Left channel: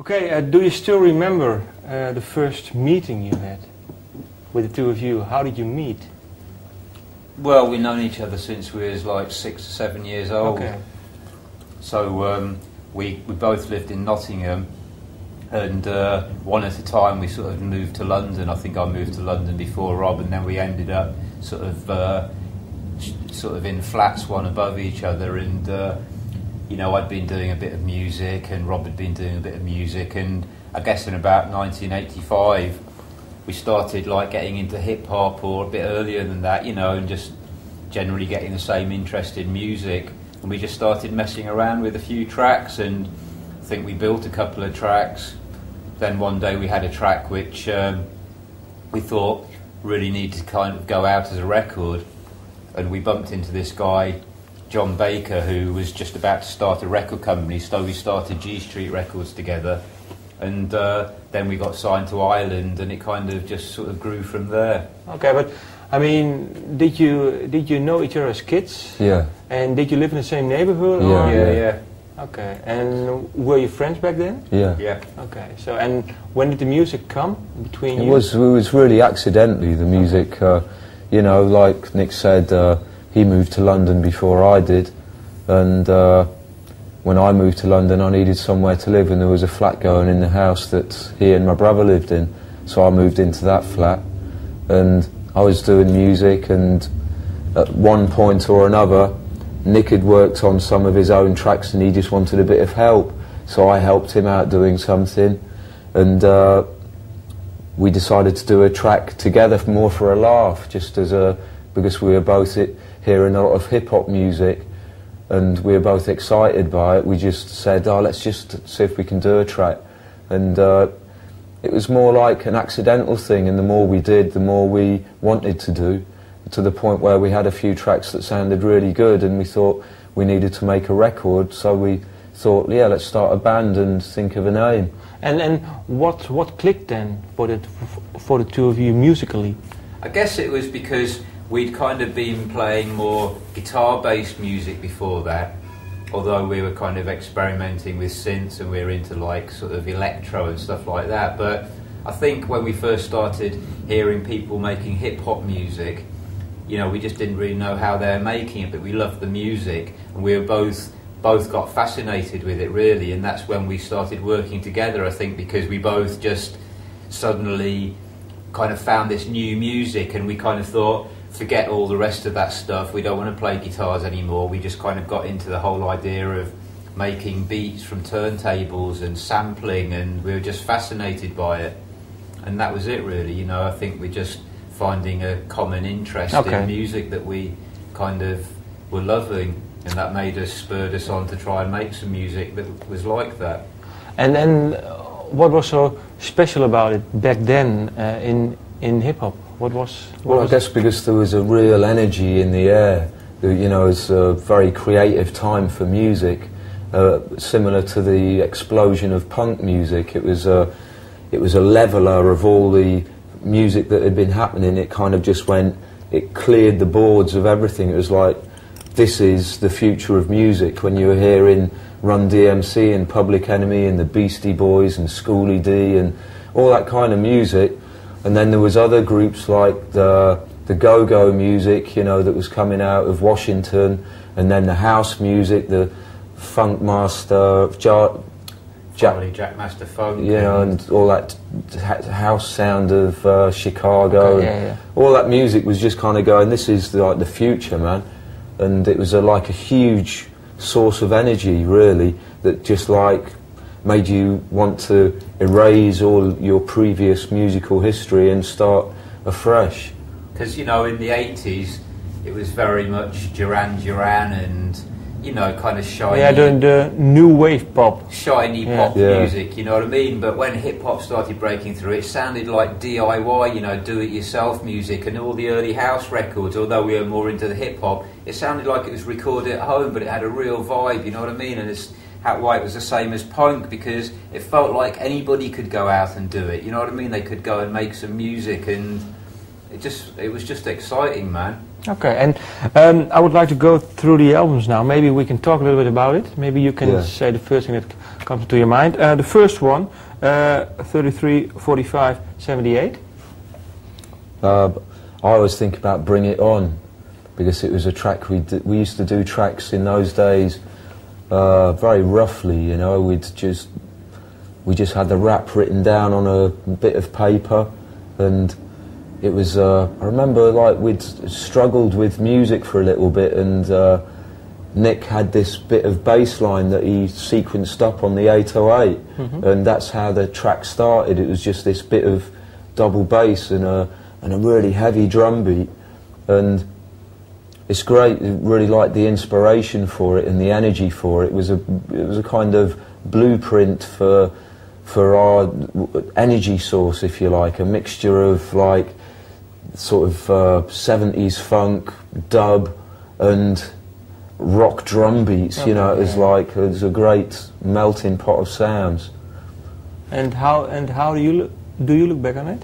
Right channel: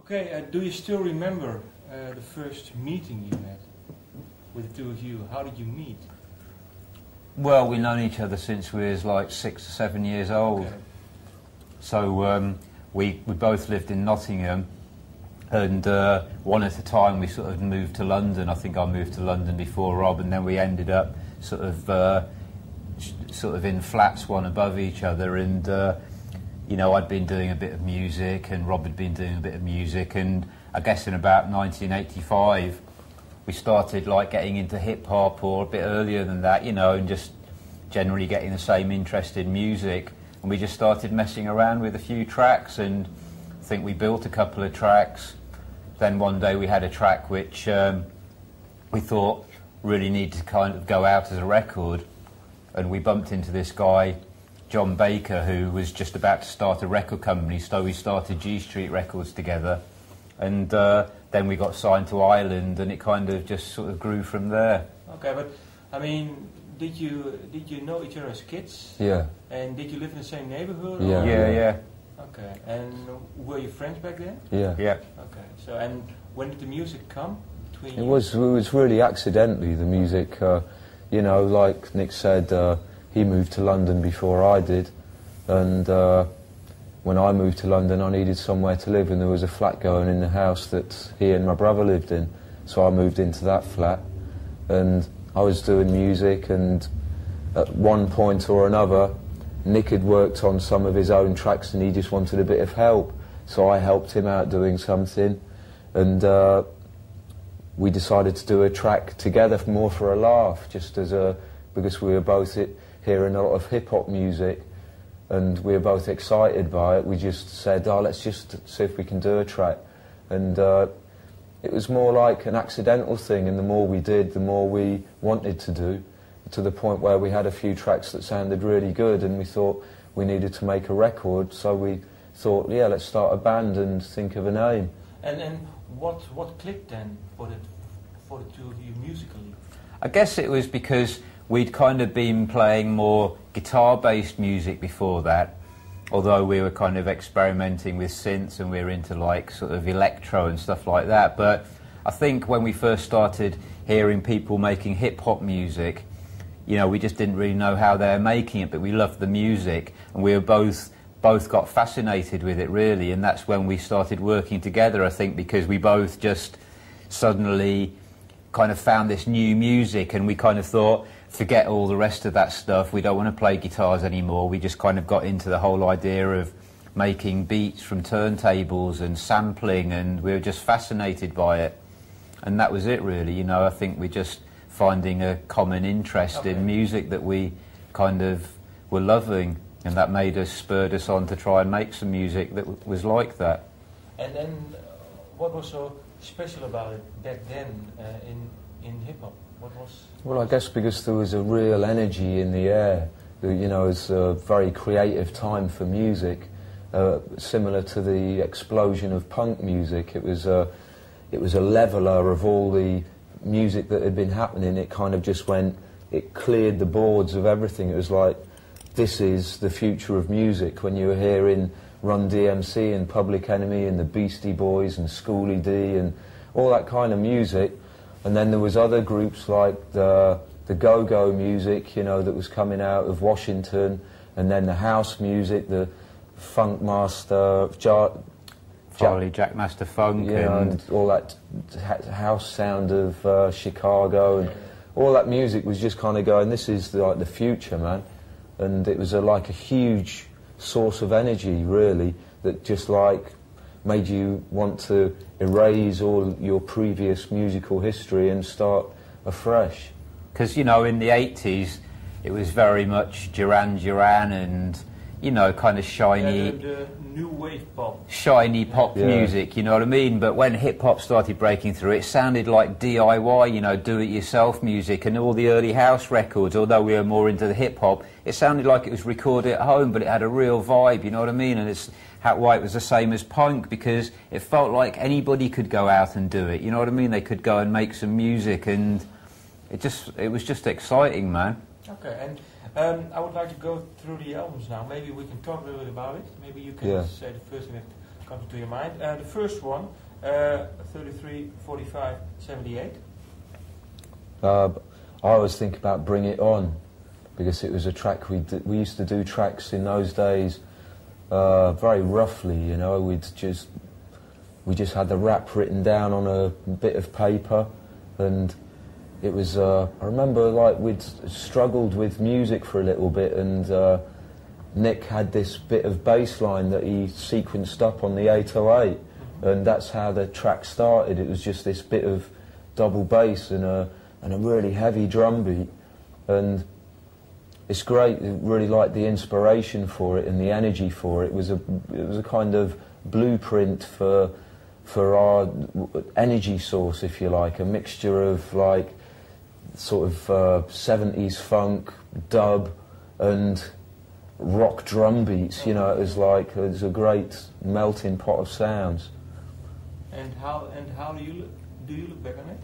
Okay, do you still remember the first meeting you had with the two of you? How did you meet? Well, we've known each other since we was like 6 or 7 years old. Okay. So we both lived in Nottingham, and one at a time we sort of moved to London. I think I moved to London before Rob, and then we ended up sort of in flats one above each other. And you know, I'd been doing a bit of music, and Rob had been doing a bit of music, and I guess in about 1985 we started like getting into hip hop, or a bit earlier than that, you know, and just generally getting the same interest in music. And we just started messing around with a few tracks, and I think we built a couple of tracks. Then one day we had a track which we thought really needed to kind of go out as a record, and we bumped into this guy, John Baker, who was just about to start a record company, so we started G Street Records together, and then we got signed to Ireland, and it kind of just sort of grew from there. Okay, but I mean, did you know each other as kids? Yeah. And did you live in the same neighborhood? Yeah, or? Yeah. Okay, and were you friends back then? Yeah. Yeah. Okay, so and when did the music come between you? It was really accidentally, the music. You know, like Nick said, he moved to London before I did, and when I moved to London I needed somewhere to live, and there was a flat going in the house that he and my brother lived in, so I moved into that flat, and I was doing music, and at one point or another Nick had worked on some of his own tracks and he just wanted a bit of help, so I helped him out doing something, and we decided to do a track together more for a laugh, just as because we were both hearing a lot of hip-hop music and we were both excited by it. We just said, oh, let's just see if we can do a track, and it was more like an accidental thing, and the more we did, the more we wanted to do, to the point where we had a few tracks that sounded really good, and we thought we needed to make a record, so we thought, yeah, let's start a band and think of a name. And what clicked then for the two of you musically? I guess it was because we'd kind of been playing more guitar-based music before that, although we were kind of experimenting with synths, and we were into like sort of electro and stuff like that. But I think when we first started hearing people making hip-hop music, you know, we just didn't really know how they were making it, but we loved the music, and we were both got fascinated with it, really, and that's when we started working together, I think, because we both just suddenly kind of found this new music, and we kind of thought, forget all the rest of that stuff, we don't want to play guitars anymore. We just kind of got into the whole idea of making beats from turntables and sampling, and we were just fascinated by it, and that was it, really. You know, I think we just finding a common interest in music that we kind of were loving, and that spurred us on to try and make some music that was like that. And then what was so special about it back then in hip-hop? Well, I guess because there was a real energy in the air. You know, it was a very creative time for music, similar to the explosion of punk music. It was a leveler of all the music that had been happening. It kind of just it cleared the boards of everything. It was like, this is the future of music. When you were hearing Run DMC and Public Enemy and the Beastie Boys and Schoolie D and all that kind of music, and then there was other groups like the go-go music, you know, that was coming out of Washington, and then the house music, the Funk Master, Jack Master Funk, you know, and all that house sound of Chicago, and all that music was just kind of going, this is like the future, man. And it was like a huge source of energy, really, that just like made you want to erase all your previous musical history and start afresh. Because, you know, in the 80s it was very much Duran Duran and, you know, kind of shiny. Yeah, the new wave pop. Shiny pop music, you know what I mean? But when hip-hop started breaking through, it sounded like DIY, you know, do-it-yourself music, and all the early house records, although we were more into the hip-hop, it sounded like it was recorded at home, but it had a real vibe, you know what I mean? And it's why it was the same as punk, because it felt like anybody could go out and do it, you know what I mean? They could go and make some music, and it was just exciting, man. Okay, and I would like to go through the albums now. Maybe we can talk a little bit about it. Maybe you can say the first thing that comes to your mind. The first one, 33, 45, 78. I always think about Bring It On, because it was a track we used to do tracks in those days very roughly, you know. We just had the rap written down on a bit of paper, and it was, I remember, like, we'd struggled with music for a little bit, and Nick had this bit of bass line that he sequenced up on the 808, and that's how the track started. It was just this bit of double bass and a really heavy drum beat, and it's great. I really liked the inspiration for it and the energy for it. It was a kind of blueprint for our energy source, if you like, a mixture of, like, sort of 70s funk, dub, and rock drum beats. You know, it was a great melting pot of sounds. And how do you look back on it?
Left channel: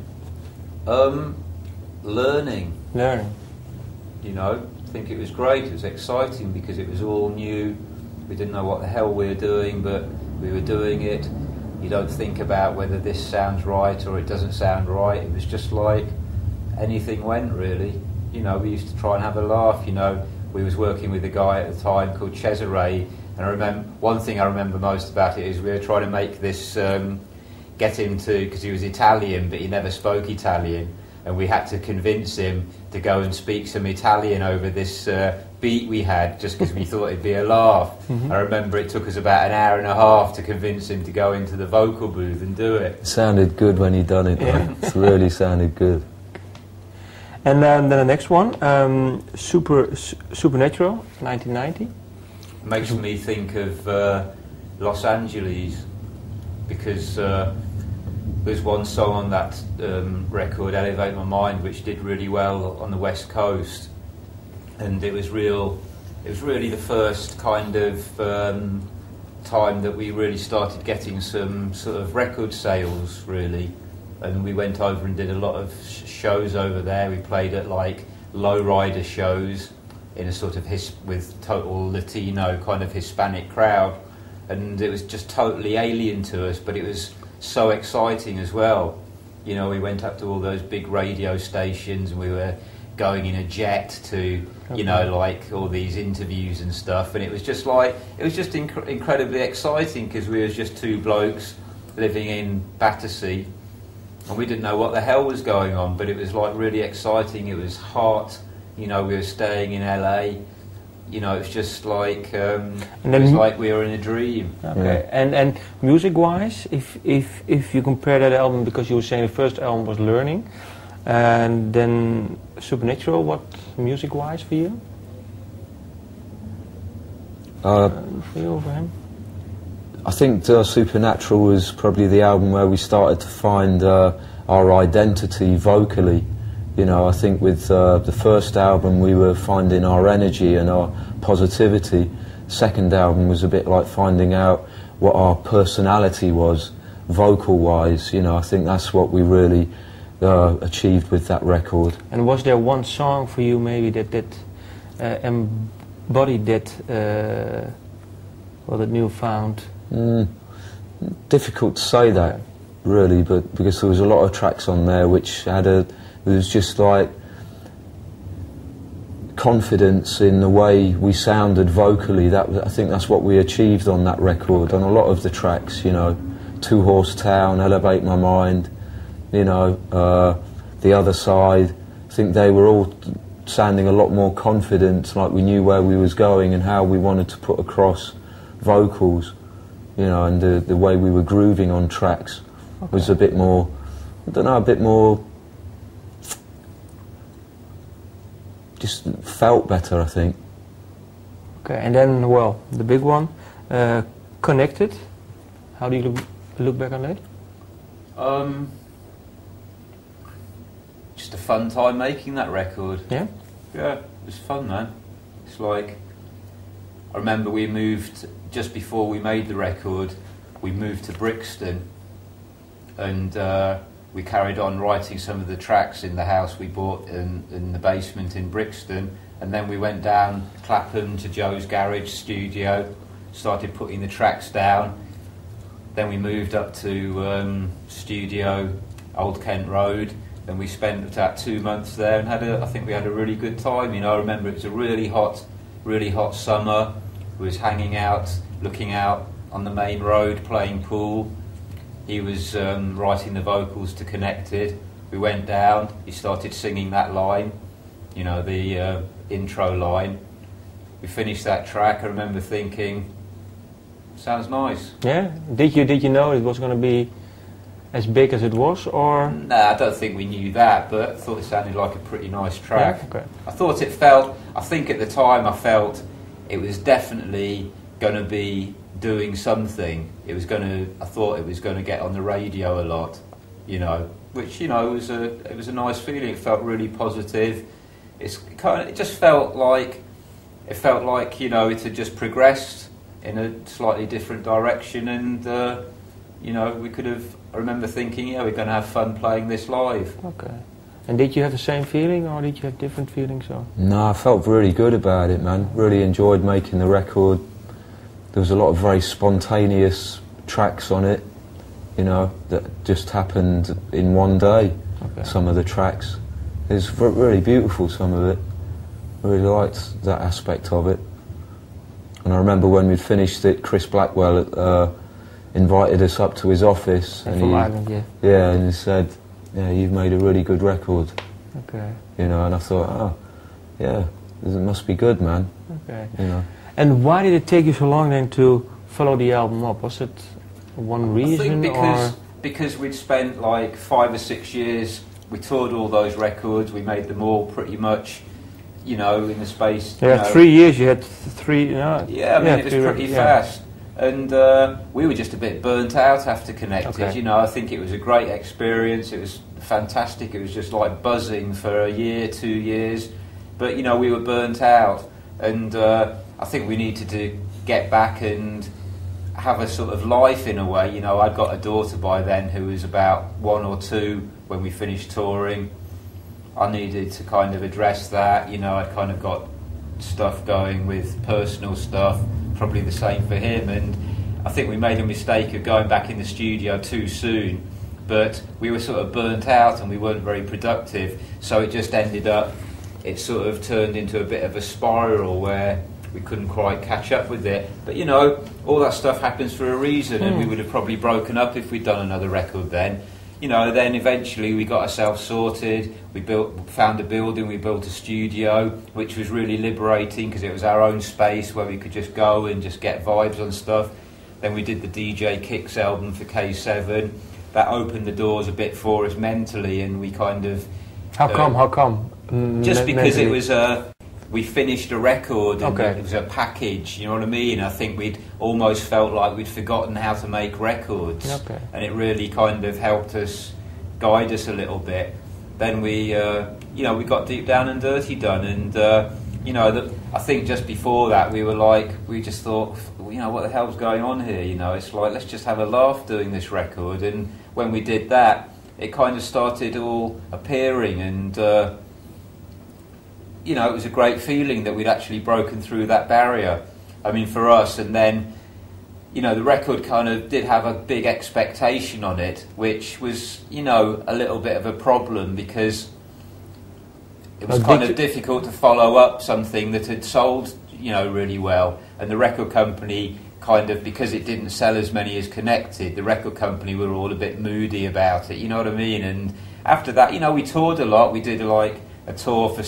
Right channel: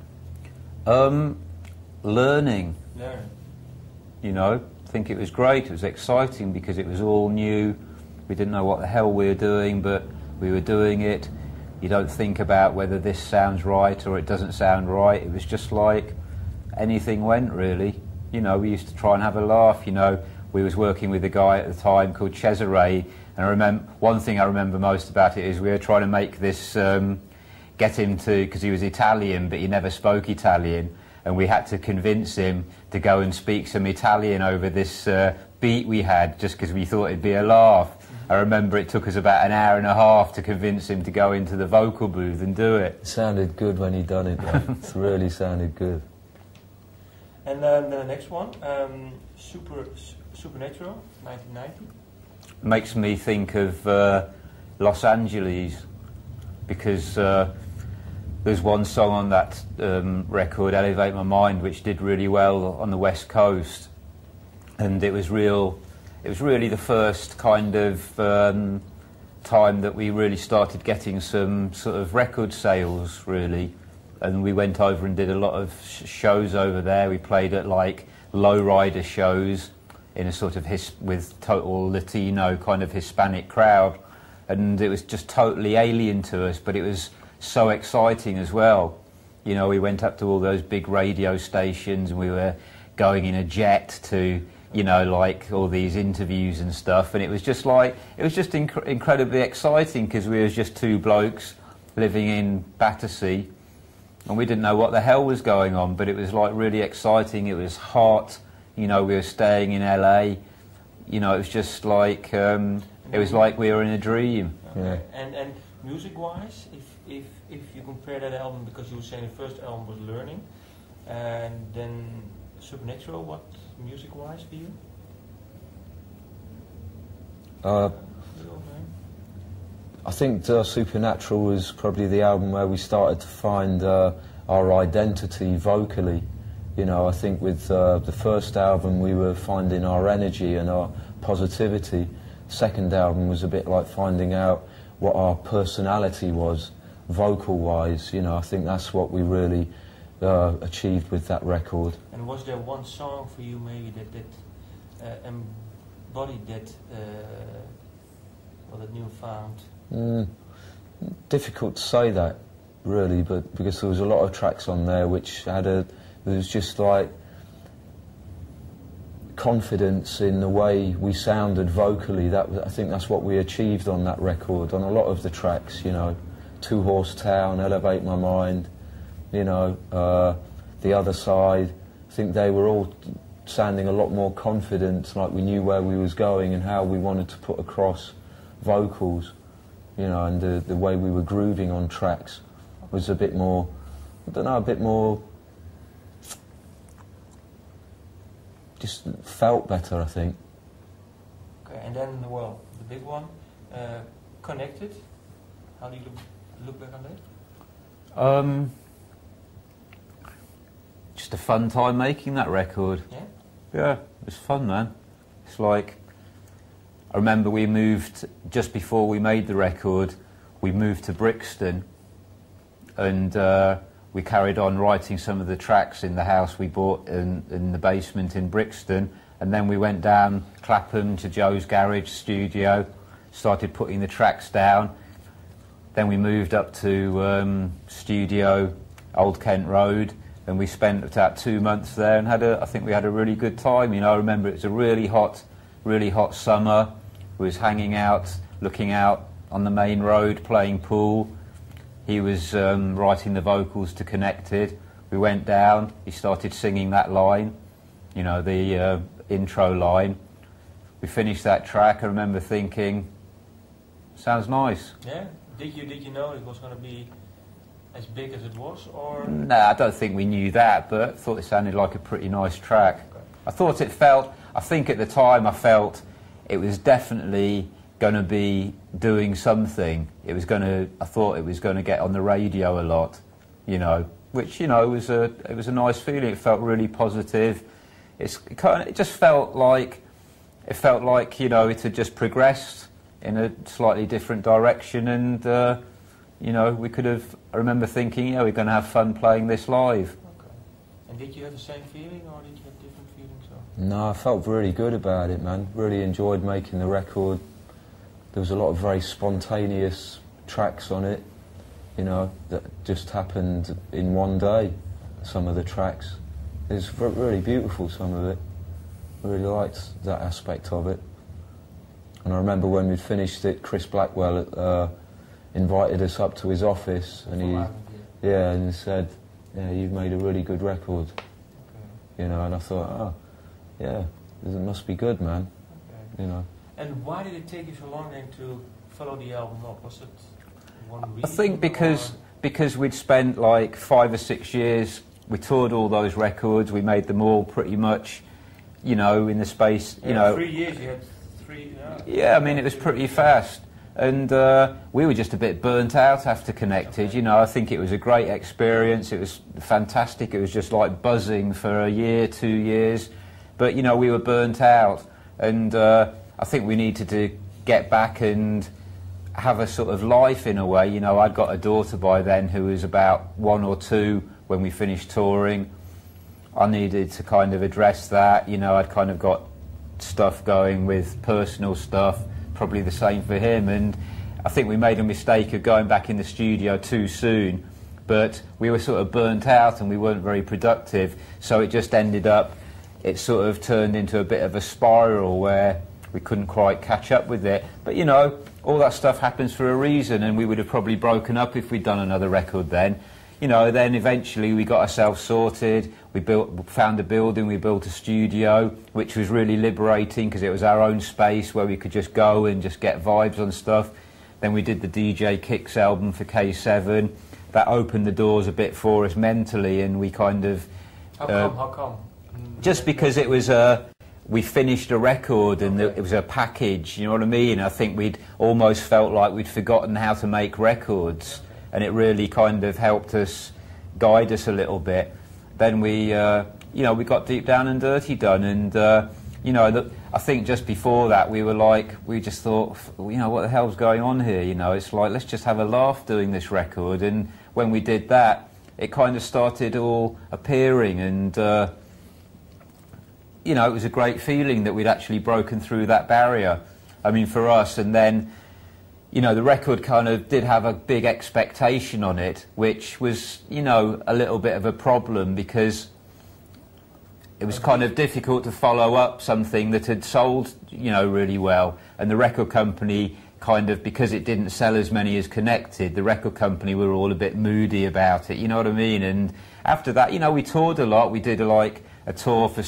Learning. You know, I think it was great. It was exciting because it was all new. We didn't know what the hell we were doing, but we were doing it. You don't think about whether this sounds right or it doesn't sound right. It was just like anything went, really. You know, we used to try and have a laugh. You know, we was working with a guy at the time called Cesare, and I remember, one thing I remember most about it is we were trying to make this, get him to, because he was Italian but he never spoke Italian, and we had to convince him to go and speak some Italian over this beat we had, just because we thought it'd be a laugh. I remember it took us about an hour and a half to convince him to go into the vocal booth and do it. It sounded good when he done it, though. It really sounded good. And then the next one, Supernatural, 1990. Makes me think of Los Angeles, because there's one song on that record, Elevate My Mind, which did really well on the West Coast, and it was really the first kind of time that we really started getting some sort of record sales, really. And we went over and did a lot of shows over there. We played at, like, lowrider shows in a sort of with total Latino kind of Hispanic crowd, and it was just totally alien to us, but it was so exciting as well. You know, we went up to all those big radio stations, and we were going in a jet to, you know, like, all these interviews and stuff, and it was just like, it was just incredibly exciting, because we were just two blokes living in Battersea, and we didn't know what the hell was going on, but it was, like, really exciting. It was hot, you know, we were staying in LA, you know, it was just like, it was like we were in a dream. Okay. And music-wise, if you compare that album, because you were saying the first album was Learning, and then Supernatural, what music-wise for you? For you, for him? I think Supernatural was probably the album where we started to find our identity vocally. You know, I think with the first album we were finding our energy and our positivity. Second album was a bit like finding out what our personality was, vocal-wise. You know, I think that's what we really achieved with that record. And was there one song for you maybe that embodied that, well, that newfound? Difficult to say that, really, but because there was a lot of tracks on there which had it was just like confidence in the way we sounded vocally. I think that's what we achieved on that record, on a lot of the tracks, you know. Two Horse Town, Elevate My Mind, you know, The Other Side. I think they were all sounding a lot more confident, like we knew where we was going and how we wanted to put across vocals, you know, and the way we were grooving on tracks was a bit more, I don't know, a bit more, just felt better, I think. Okay, and then, well, the big one, Connected. How do you look back on that? Just a fun time making that record. Yeah? Yeah, it was fun, man. It's like, I remember we moved, just before we made the record, we moved to Brixton, and we carried on writing some of the tracks in the house we bought in the basement in Brixton, and then we went down Clapham to Joe's garage studio, started putting the tracks down. Then we moved up to studio Old Kent Road, and we spent about 2 months there, and I think we had a really good time. You know, I remember it was a really hot summer. We was hanging out, looking out on the main road, playing pool. He was writing the vocals to Connected. We went down, he started singing that line, you know, the intro line. We finished that track. I remember thinking, sounds nice. Yeah? Did you know it was going to be as big as it was, or? No, I don't think we knew that, but I thought it sounded like a pretty nice track. Yeah, okay. I think at the time I felt it was definitely going to be doing something. I thought it was going to get on the radio a lot, you know, which, you know, it was a nice feeling. It felt really positive. It just felt like, you know, it had just progressed in a slightly different direction, and you know, I remember thinking, yeah, we're going to have fun playing this live. Okay. And did you have the same feeling, or did you have different feelings? Or? No, I felt really good about it, man. Really enjoyed making the record. There was a lot of very spontaneous tracks on it, you know, that just happened in one day. Okay. Some of the tracks. It was really beautiful, some of it. I really liked that aspect of it. And I remember when we'd finished it, Chris Blackwell invited us up to his office, and and he said, "Yeah, you've made a really good record." Okay. You know, and I thought, oh, yeah, it must be good, man. Okay. You know. And why did it take you so long then to follow the album up? Was it one reason? I think because we'd spent like 5 or 6 years. We toured all those records. We made them all pretty much, you know, in the space. Yeah, you know, 3 years. You had three. You know, yeah, I mean, it was pretty fast. And we were just a bit burnt out after Connected. Okay. You know, I think it was a great experience. It was fantastic. It was just like buzzing for a year, 2 years. But, you know, we were burnt out. And I think we needed to get back and have a sort of life in a way. You know, I'd got a daughter by then who was about 1 or 2 when we finished touring. I needed to kind of address that. You know, I'd kind of got stuff going with personal stuff. Probably the same for him, and I think we made a mistake of going back in the studio too soon, but we were sort of burnt out and we weren't very productive, so it just ended up, it sort of turned into a bit of a spiral where we couldn't quite catch up with it. But you know, all that stuff happens for a reason, and we would have probably broken up if we'd done another record then. You know, then eventually we got ourselves sorted, found a building, we built a studio, which was really liberating because it was our own space where we could just go and just get vibes on stuff. Then we did the DJ Kicks album for K7. That opened the doors a bit for us mentally, and we kind of... How come? Just because it was we finished a record, and it was a package, you know what I mean? I think we'd almost felt like we'd forgotten how to make records, and it really kind of helped us, guide us a little bit. Then we, you know, we got Deep Down and Dirty done, and you know, I think just before that we just thought, you know, what the hell's going on here? You know, it's like, let's just have a laugh doing this record. And when we did that, it kind of started all appearing, and you know, it was a great feeling that we'd actually broken through that barrier. I mean, for us, and then, you know, the record kind of did have a big expectation on it, which was, you know, a little bit of a problem because it was kind of difficult to follow up something that had sold, you know, really well. And the record company kind of, because it didn't sell as many as Connected, the record company were all a bit moody about it, you know what I mean? And after that, you know, we toured a lot. We did like a tour for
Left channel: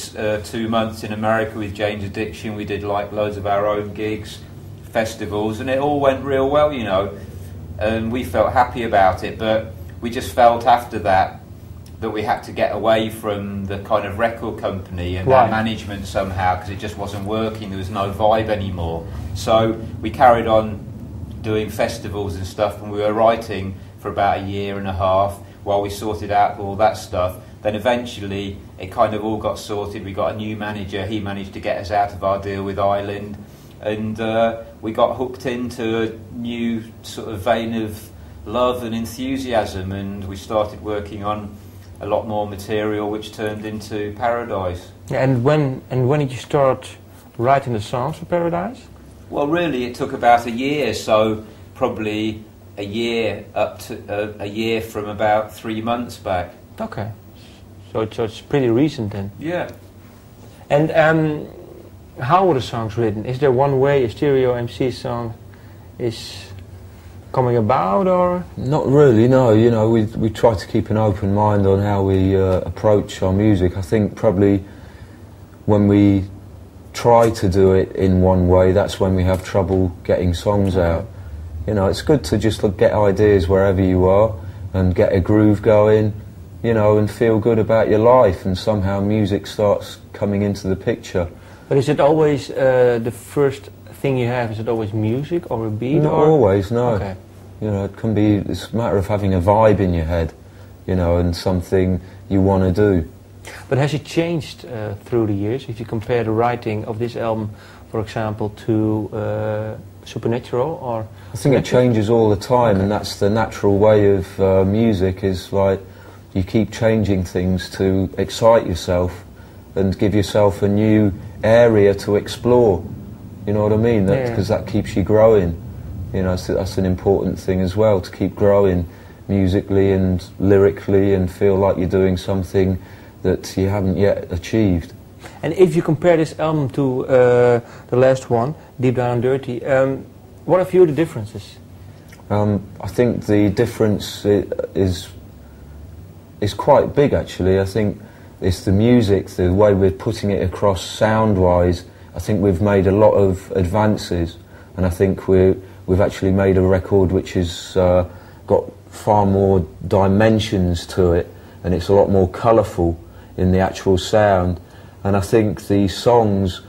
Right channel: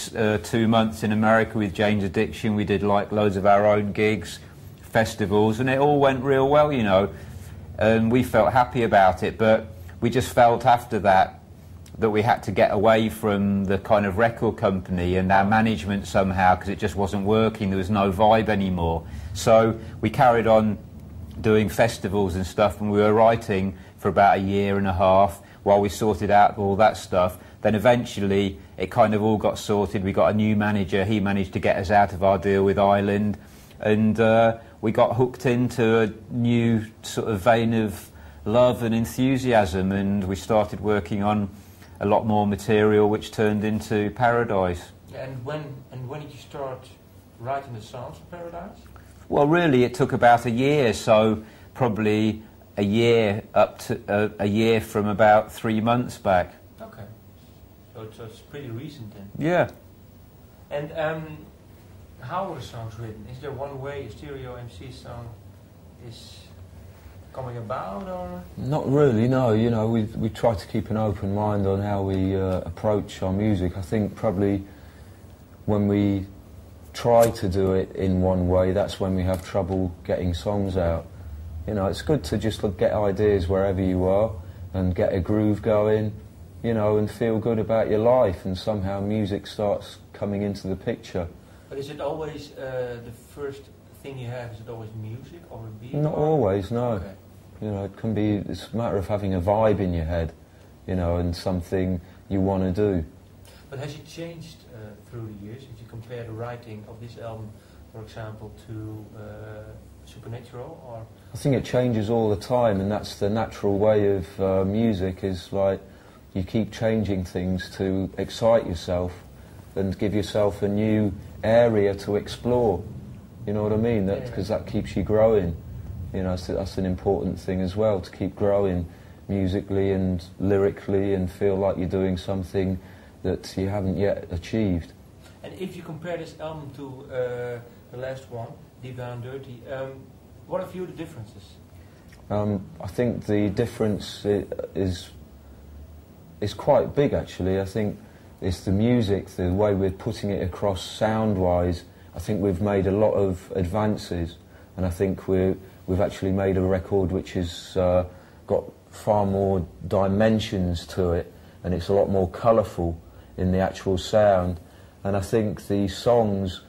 2 months in America with Jane's Addiction. We did like loads of our own gigs, festivals, and it all went real well, you know, and we felt happy about it. But we just felt after that we had to get away from the kind of record company and that management somehow, because it just wasn't working. There was no vibe anymore. So we carried on doing festivals and stuff, and we were writing for about 1.5 years while we sorted out all that stuff. Then eventually it kind of all got sorted. We got a new manager. He managed to get us out of our deal with Island, and we got hooked into a new sort of vein of love and enthusiasm, and we started working on a lot more material, which turned into Paradise. Yeah, and when did you start writing the songs for Paradise? Well, really, it took about a year, so probably a year up to a year from about 3 months back. Okay, so it's pretty recent then. Yeah. And how were the songs written? Is there one way a stereo MC song is coming about, or? Not really, no. You know, we try to keep an open mind on how we approach our music. I think probably when we try to do it in one way, that's when we have trouble getting songs out. You know, it's good to just get ideas wherever you are and get a groove going, you know, and feel good about your life, and somehow music starts coming into the picture. But is it always the first thing you have? Is it always music or a beat? Not or? always, no. Okay. You know, it can be, it's a matter of having a vibe in your head, you know, and something you want to do. But has it changed through the years? If you compare the writing of this album, for example, to Supernatural, or? I think it changes all the time, and that's the natural way of music, is like you keep changing things to excite yourself and give yourself a new area to explore. You know what I mean? Because that keeps you growing. You know, so that's an important thing as well, to keep growing musically and lyrically and feel like you're doing something that you haven't yet achieved. And if you compare this album to the last one, Deep Down and Dirty, what are a few of the differences? I think the difference is quite big, actually. I think it's the music, the way we're putting it across sound-wise. I think we've made a lot of advances, and I think we've actually made a record which has got far more dimensions to it, and it's a lot more colourful in the actual sound. And I think the songs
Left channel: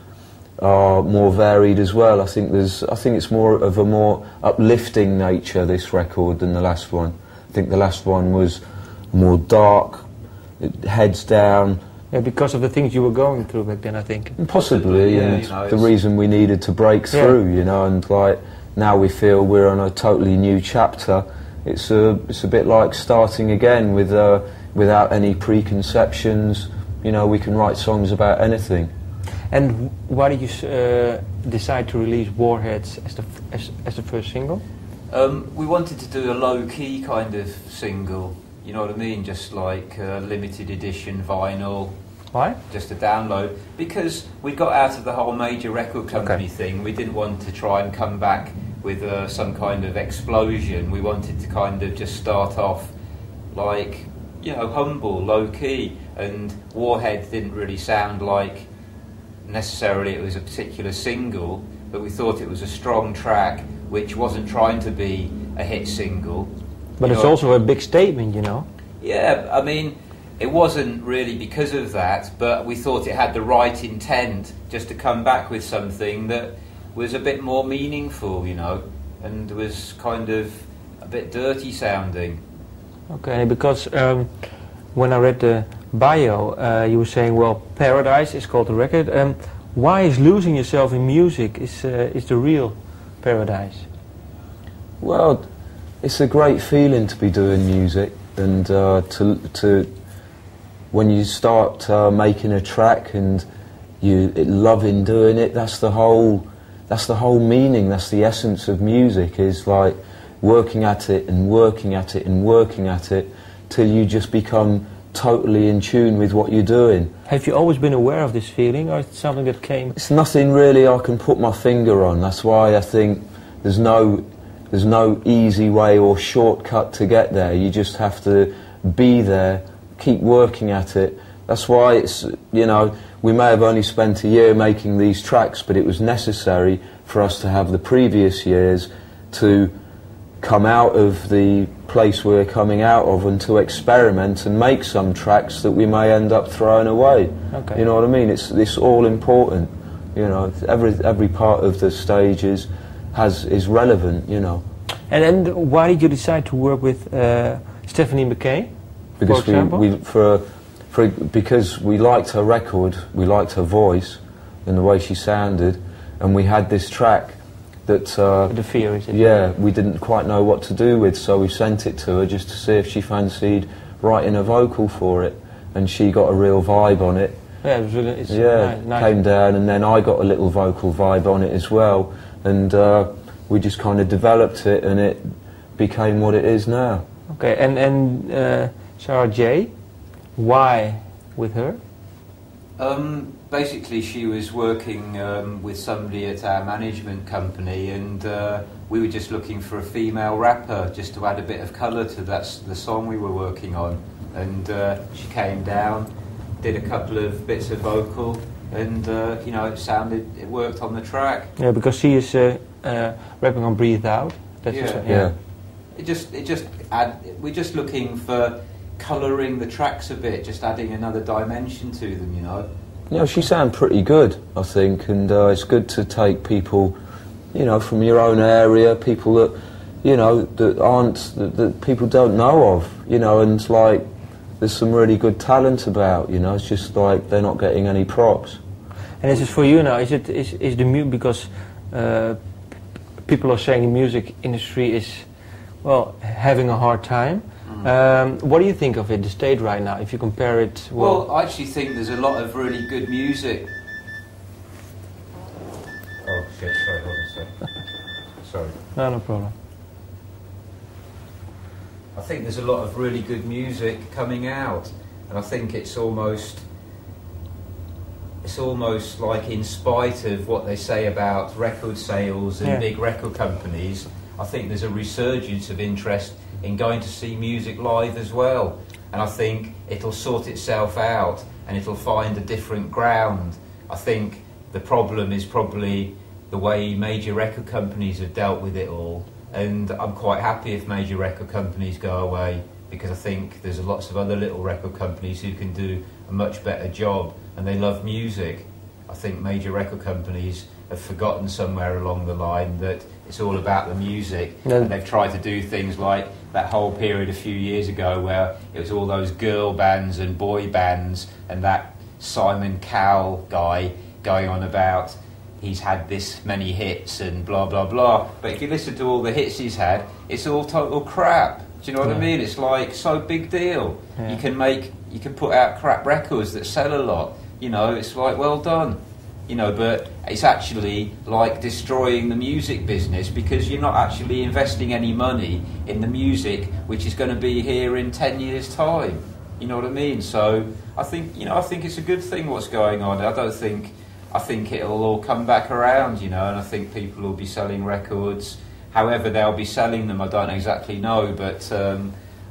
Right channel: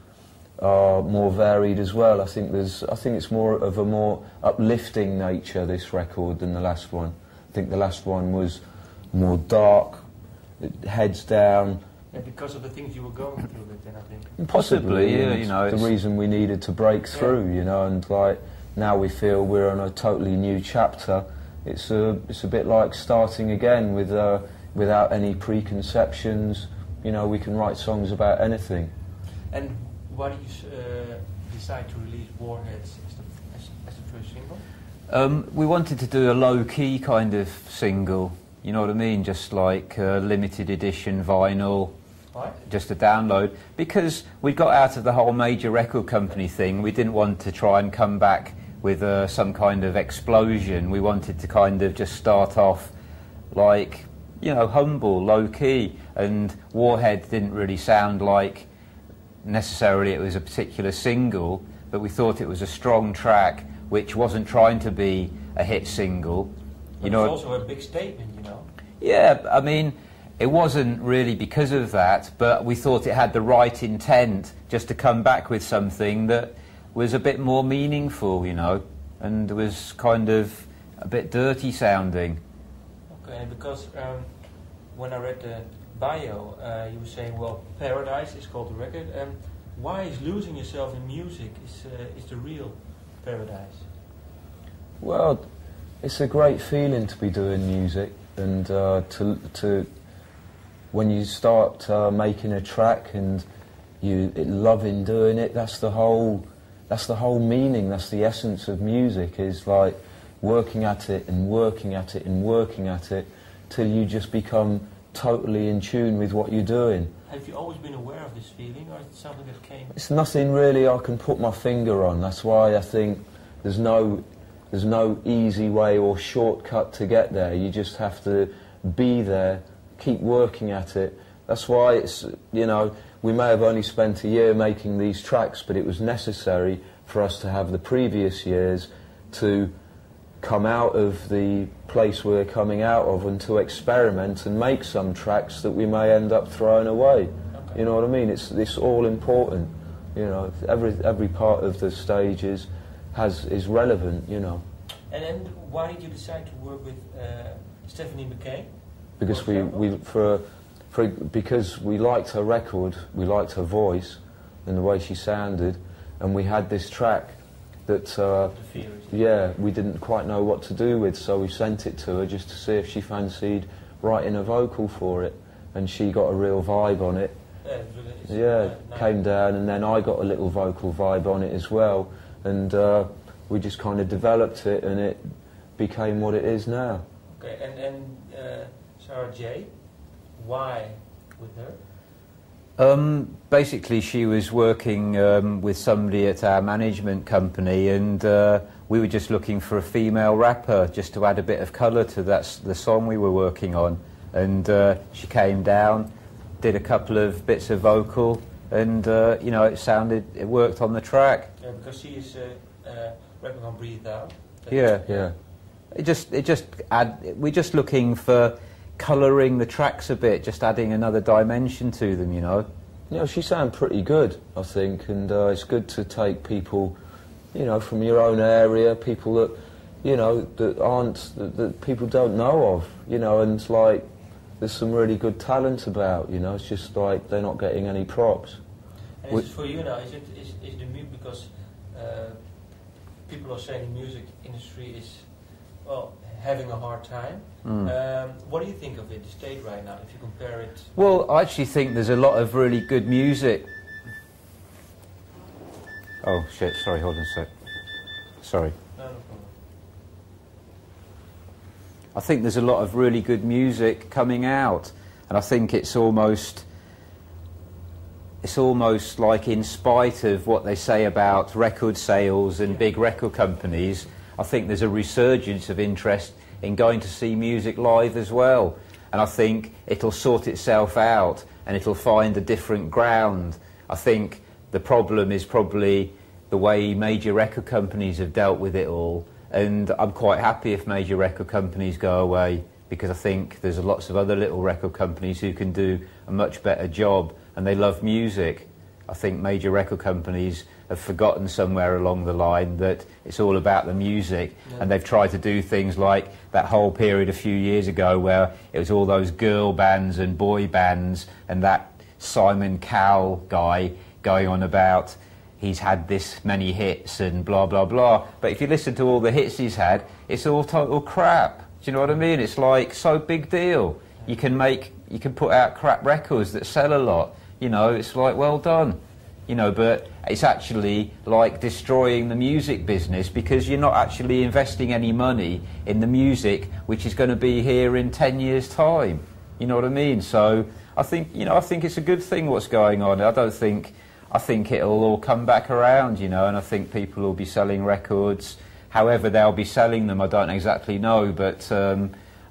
are more varied as well. I think it's more of a more uplifting nature, this record, than the last one. I think the last one was more dark, heads down. Yeah, because of the things you were going through back then, I think. Possibly, yeah, and you know, the reason we needed to break through, you know, and like now we feel we're on a totally new chapter. It's a bit like starting again with without any preconceptions. You know, we can write songs about anything. And why did you decide to release Warheads as the first single? We wanted to do a low-key kind of single, you know what I mean, just like limited edition vinyl. Why? Just a download. Because we got out of the whole major record company thing. We didn't want to try and come back with some kind of explosion. We wanted to kind of just start off like, you know, humble, low-key, and Warhead didn't really sound like necessarily it was a particular single, but we thought it was a strong track which wasn't trying to be a hit single. But it's also a big statement, you know. Yeah, I mean, it wasn't really because of that, but we thought it had the right intent just to come back with something that was a bit more meaningful, you know, and was kind of a bit dirty sounding. Okay, because when I read the bio, you were saying, well, Paradise is called the record. Why is losing yourself in music is the real paradise? Well, it's a great feeling to be doing music, and to when you start making a track and you loving doing it, that's the whole meaning. That's the essence of music, is like working at it and working at it and working at it till you just become totally in tune with what you're doing. Have you always been aware of this feeling, or is it something that came? It's nothing really I can put my finger on. That's why I think there's no easy way or shortcut to get there. You just have to be there, keep working at it. That's why it's, you know, we may have only spent a year making these tracks, but it was necessary for us to have the previous years to come out of the place we're coming out of and to experiment and make some tracks that we may end up throwing away. Okay. You know what I mean? It's all important. You know, every part of the stage is relevant. You know. And why did you decide to work with Stephanie McKay? Because because we liked her record, we liked her voice and the way she sounded, and we had this track that the fear is it? Yeah, we didn't quite know what to do with, so we sent it to her just to see if she fancied writing a vocal for it, and she got a real vibe on it. Yeah, it was really, it's nice. Came down, and then I got a little vocal vibe on it as well, and we just kind of developed it, and it became what it is now. Okay, and Sarah J, why with her? Basically, she was working with somebody at our management company, and we were just looking for a female rapper just to add a bit of colour to the song we were working on. And she came down, did a couple of bits of vocal, and you know, it worked on the track. Yeah, because she is rapping on "Breathe Out." Yeah. We're just looking for colouring the tracks a bit, just adding another dimension to them, you know. You know, she sounded pretty good, I think, and it's good to take people, you know, from your own area, people that, you know, that people don't know of, you know, and it's like, there's some really good talent about, you know, it's just like they're not getting any props. And is it for you now, is the music, because people are saying the music industry is, well, having a hard time. What do you think of it, the state right now, if you compare it? Well, I actually think there's a lot of really good music. Oh shit, sorry, hold on a sec. Sorry. No problem. I think there's a lot of really good music coming out, and I think it's almost like, in spite of what they say about record sales and big record companies, I think there's a resurgence of interest in going to see music live as well. And I think it'll sort itself out and it'll find a different ground. I think the problem is probably the way major record companies have dealt with it all. And I'm quite happy if major record companies go away, because I think there's lots of other little record companies who can do a much better job, and they love music. I think major record companies have forgotten somewhere along the line that it's all about the music, and they've tried to do things like that whole period a few years ago where it was all those girl bands and boy bands, and that Simon Cowell guy going on about he's had this many hits and blah blah blah. But if you listen to all the hits he's had, it's all total crap. Do you know what I mean? It's like, so big deal. You can put out crap records that sell a lot. You know, it's like, well done. You know, but it's actually like destroying the music business, because you're not actually investing any money in the music which is going to be here in 10 years' time. You know what I mean? So I think it's a good thing what's going on. I think it'll all come back around, you know, and I think people will be selling records. However they'll be selling them, I don't exactly know, but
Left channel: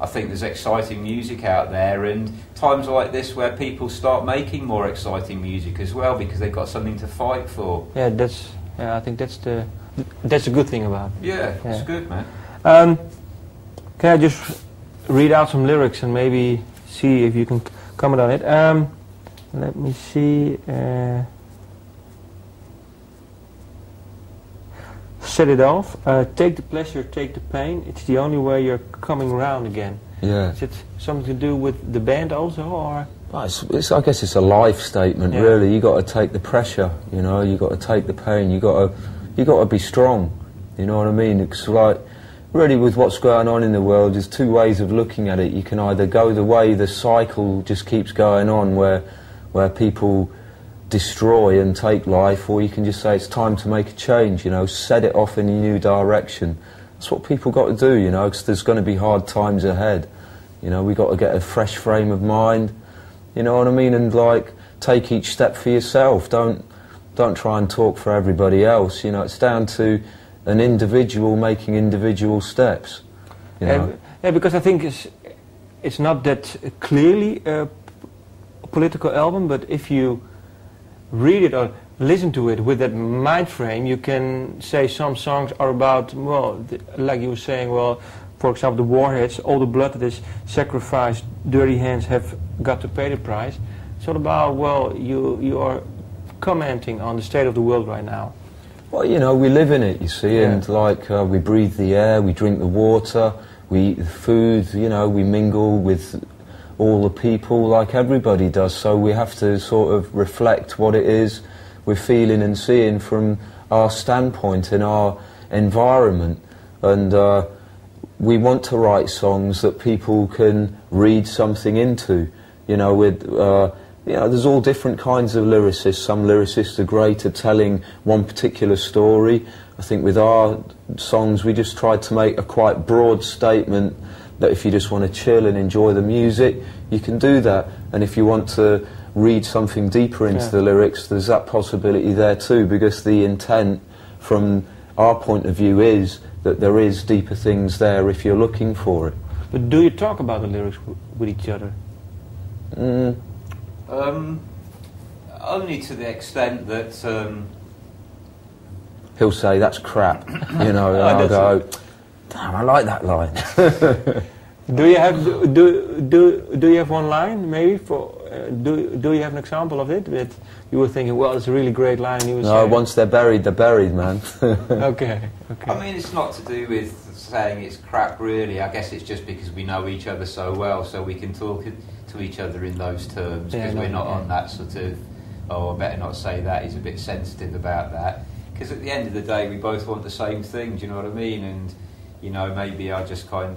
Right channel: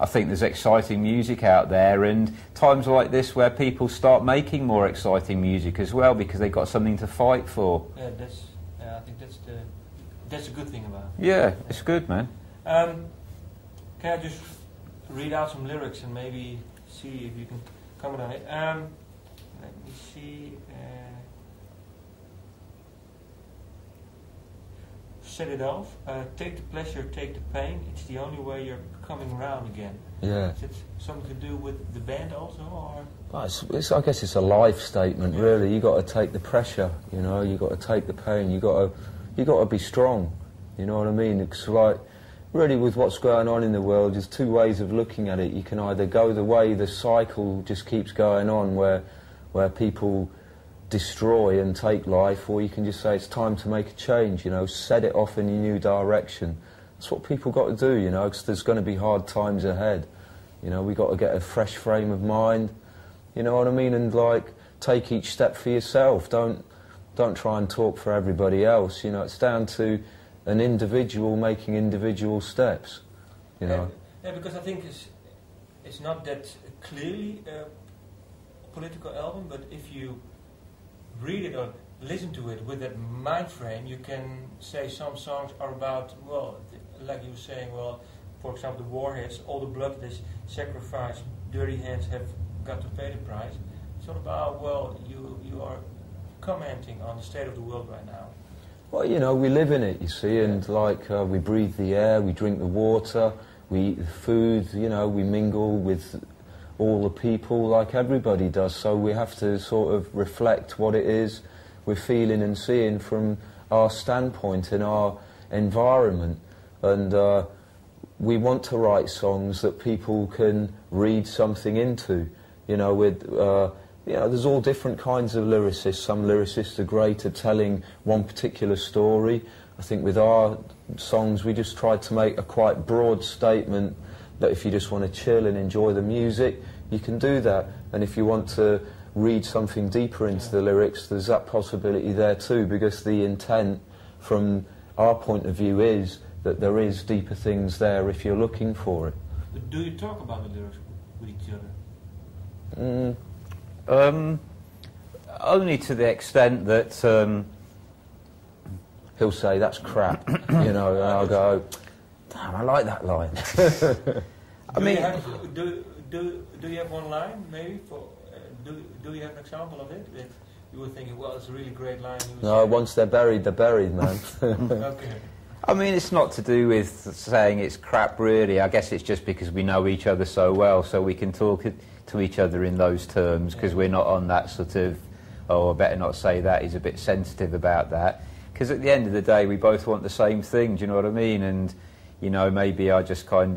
I think there's exciting music out there, and times like this where people start making more exciting music as well, because they've got something to fight for. Yeah, I think that's a good thing about it. Yeah, it's good, man. Can I just read out some lyrics and maybe see if you can comment on it? Let me see. Set it off. Take the pleasure, take the pain. It's the only way you're coming around again. Yeah. Is it something to do with the band also, or? Well, I guess it's a life statement, really. You got to take the pressure, you know. You got to take the pain. You got to be strong. You know what I mean? It's like, really, with what's going on in the world, there's two ways of looking at it. You can either go the way the cycle just keeps going on, where people destroy and take life, or you can just say it's time to make a change, you know, set it off in a new direction. That's what people got to do, you know, because there's going to be hard times ahead. You know, we got to get a fresh frame of mind, you know what I mean, and like, take each step for yourself. Don't try and talk for everybody else, you know. It's down to an individual making individual steps, you know. Yeah, because I think it's not that clearly a political album, but if you read it or listen to it with that mind frame, you can say some songs are about, well, like you were saying, well, for example, the Warheads, all the blood that is sacrificed, dirty hands have got to pay the price. It's all about, well, you are commenting on the state of the world right now. Well, you know, we live in it, you see, and like we breathe the air, we drink the water, we eat the food, you know, we mingle with all the people like everybody does, so we have to sort of reflect what it is we're feeling and seeing from our standpoint in our environment, and we want to write songs that people can read something into. You know, with you know, there's all different kinds of lyricists. Some lyricists are great at telling one particular story. I think with our songs we just tried to make a quite broad statement that if you just want to chill and enjoy the music, you can do that. And if you want to read something deeper into the lyrics, there's that possibility there too, because the intent from our point of view is that there is deeper things there if you're looking for it. But do you talk about the lyrics with each other? Only to the extent that he'll say, "That's crap," you know, and I'll go, "Damn, I like that line." Do you have one line maybe for? Do you have an example of it that you were thinking, well, it's a really great line? You were saying, once they're buried, man. Okay. I mean, it's not to do with saying it's crap, really. I guess it's just because we know each other so well, so we can talk to each other in those terms, because we're not on that sort of, oh, I better not say that, he's a bit sensitive about that. Because at the end of the day, we both want the same thing, do you know what I mean? And, you know, maybe I just got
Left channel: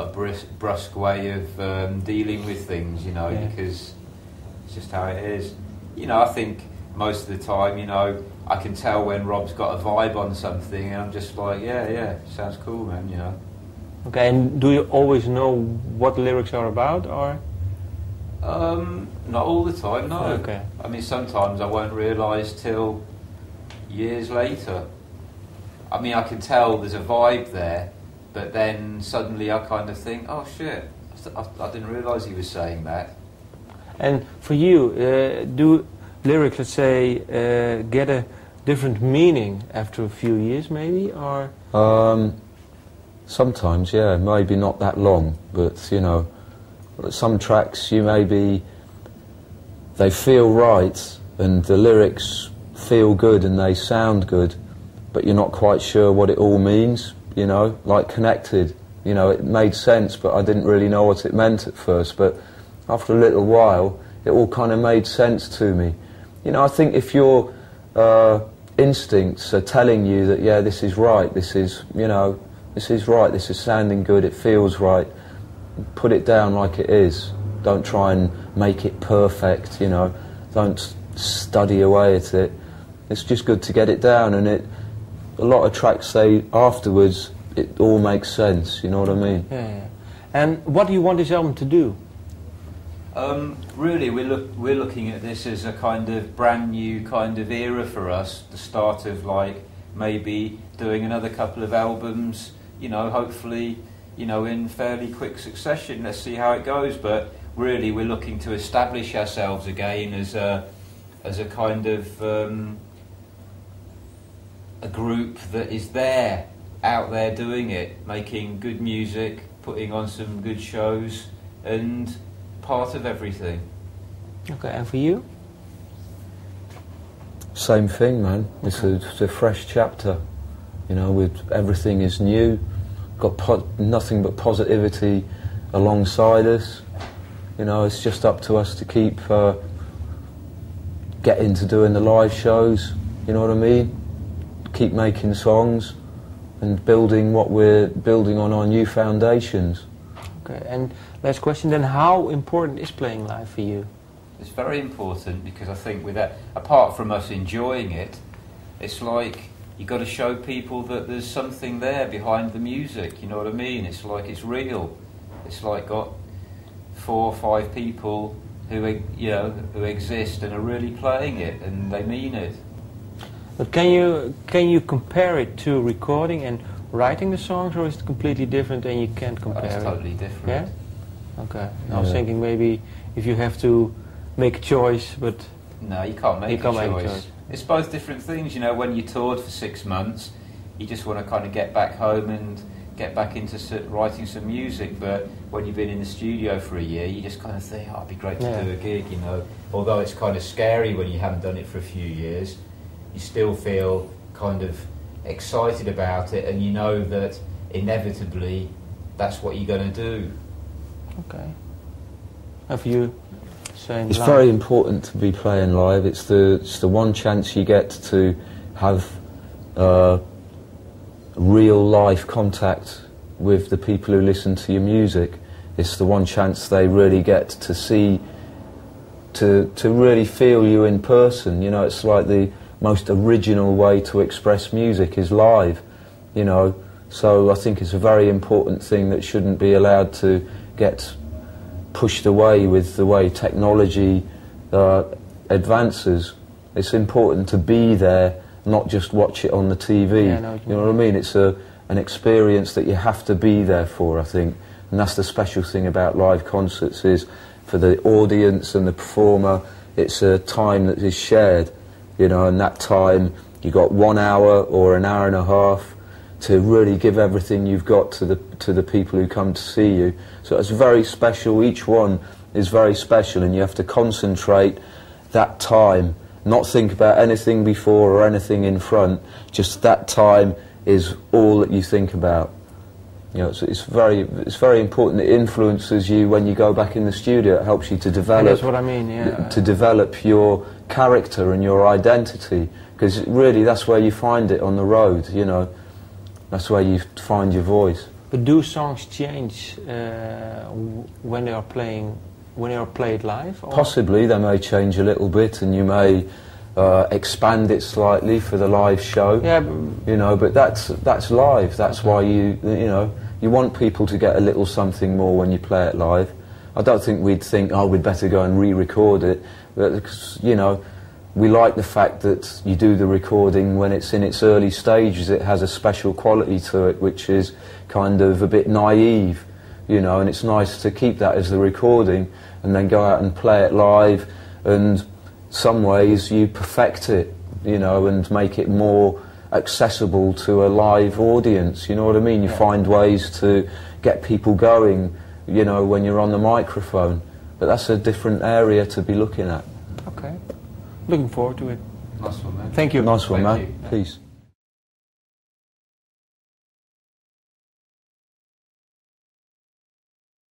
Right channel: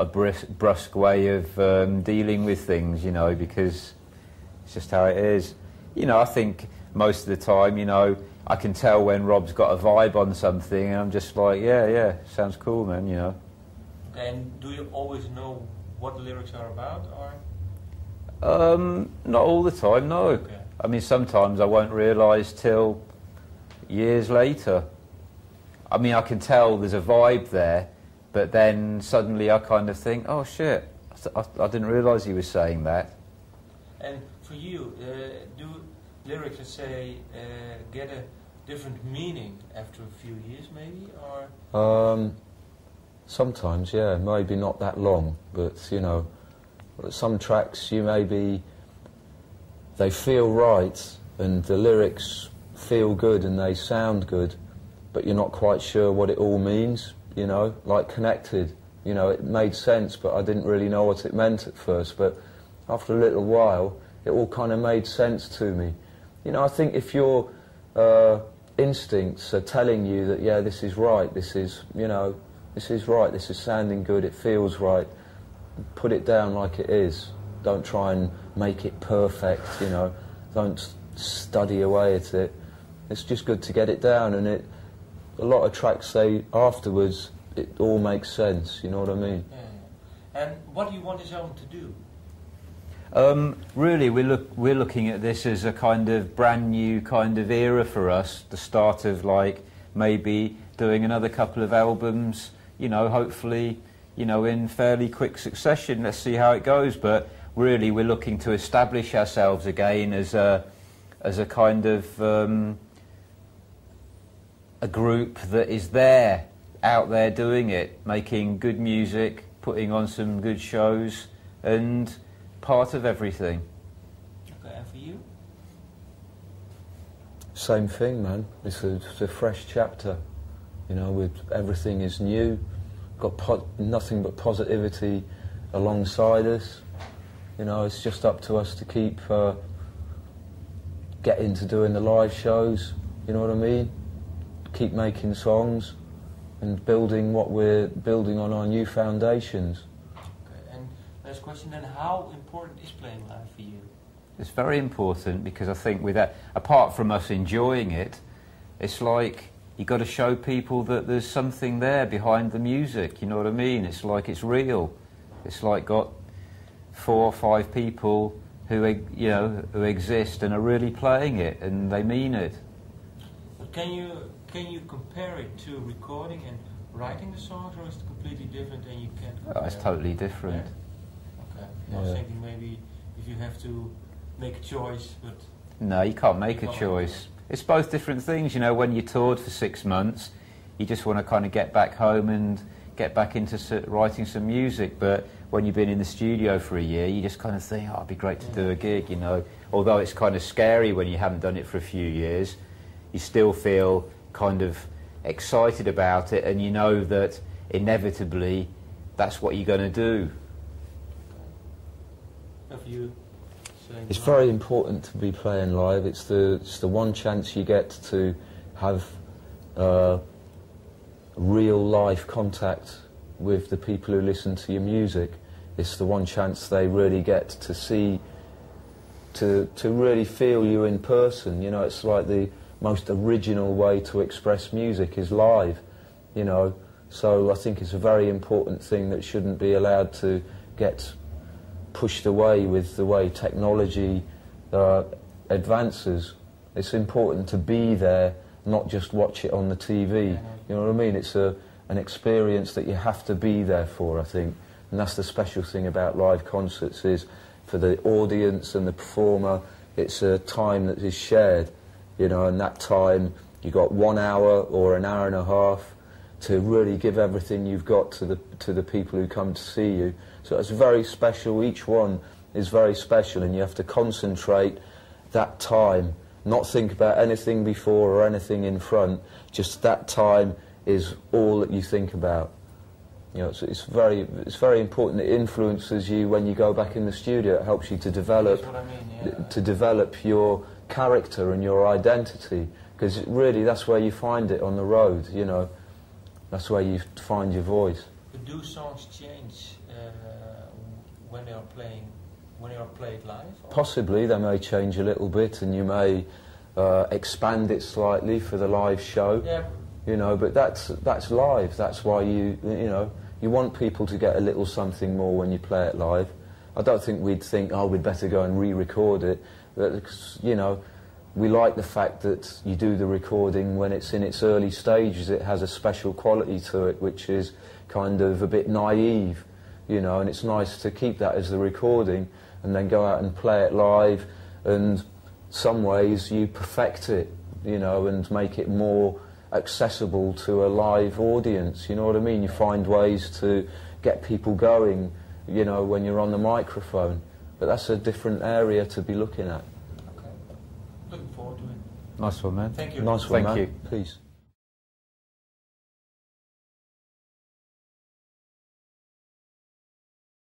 a brusque way of dealing with things, you know, because it's just how it is. You know, I think most of the time, you know, I can tell when Rob's got a vibe on something, and I'm just like, yeah, sounds cool, man, you know. Okay, and do you always know what the lyrics are about, or? Not all the time, no. Okay. I mean, sometimes I won't realise till years later. I mean, I can tell there's a vibe there, but then suddenly I kind of think, oh shit, I didn't realise he was saying that. And for you, do lyrics, let's say, get a different meaning after a few years, maybe, or? Sometimes, yeah, maybe not that long, but you know, some tracks they feel right, and the lyrics feel good and they sound good, but you're not quite sure what it all means. You know, like Connected, you know, it made sense, but I didn't really know what it meant at first, but after a little while it all kind of made sense to me. You know, I think if your instincts are telling you that, yeah, this is right, this is, you know, this is right, this is sounding good, it feels right, put it down like it is. Don't try and make it perfect, you know, don't study away at it. It's just good to get it down, and a lot of tracks say afterwards it all makes sense, you know what I mean? Yeah. And what do you want this album to do? Really, we're looking at this as a kind of brand new kind of era for us, the start of like maybe doing another couple of albums, you know, hopefully, you know, in fairly quick succession. Let's see how it goes, but really we're looking to establish ourselves again as a kind of a group that is there, out there doing it, making good music, putting on some good shows, and part of everything. Okay, and for you? Same thing, man. It's a fresh chapter, you know, with everything is new, got nothing but positivity alongside us. You know, it's just up to us to keep getting to doing the live shows, you know what I mean? Keep making songs and building what we're building on our new foundations. Okay, and last question then, how important is playing live for you? It's very important, because I think with that, apart from us enjoying it, it's like you got to show people that there's something there behind the music, you know what I mean? It's like it's real. It's like got 4 or 5 people who, you know, who exist and are really playing it, and they mean it. But can you compare it to recording and writing the songs, or is it completely different and you can't compare It's it? totally different. Yeah? Okay. I was thinking maybe if you have to make a choice, but... No, you can't make a choice. It's both different things, you know. When you toured for 6 months, you just want to kind of get back home and get back into writing some music, but when you've been in the studio for a year, you just kind of think, oh, it'd be great to do a gig, you know. Although it's kind of scary when you haven't done it for a few years, you still feel kind of excited about it, and you know that inevitably that's what you're going to do. Okay. Have you saying It's live? very important to be playing live. It's the one chance you get to have real life contact with the people who listen to your music. It's the one chance they really get to see, to really feel you in person. You know, it's like the most original way to express music is live, you know. So I think it's a very important thing that shouldn't be allowed to get pushed away with the way technology advances. It's important to be there, not just watch it on the TV. Yeah, no, you know what I mean? It's an experience that you have to be there for, I think. And that's the special thing about live concerts, is for the audience and the performer, it's a time that is shared, you know, and that time you got 1 hour or an hour and a half to really give everything you've got to the people who come to see you. So it's very special. Each one is very special, and you have to concentrate that time, not think about anything before or anything in front. Just that time is all that you think about. You know, it's very important. It influences you when you go back in the studio. It helps you to develop. That's what I mean. Yeah. To develop your character and your identity, because really that's where you find it on the road. You know, that's where you find your voice. But do songs change when they are playing? When they are played live? Or? Possibly, they may change a little bit, and you may expand it slightly for the live show. Yeah. You know, but that's live. That's why you know, you want people to get a little something more when you play it live. I don't think we'd think, oh, we'd better go and re-record it, because, you know, we like the fact that you do the recording when it's in its early stages. It has a special quality to it, which is kind of a bit naive, you know, and it's nice to keep that as the recording and then go out and play it live, and some ways you perfect it, you know, and make it more accessible to a live audience, you know what I mean? You find ways to get people going, you know, when you're on the microphone, but that's a different area to be looking at. Okay. Looking forward to it. Nice one, man. Thank you. Nice one, Thank man. you. Peace.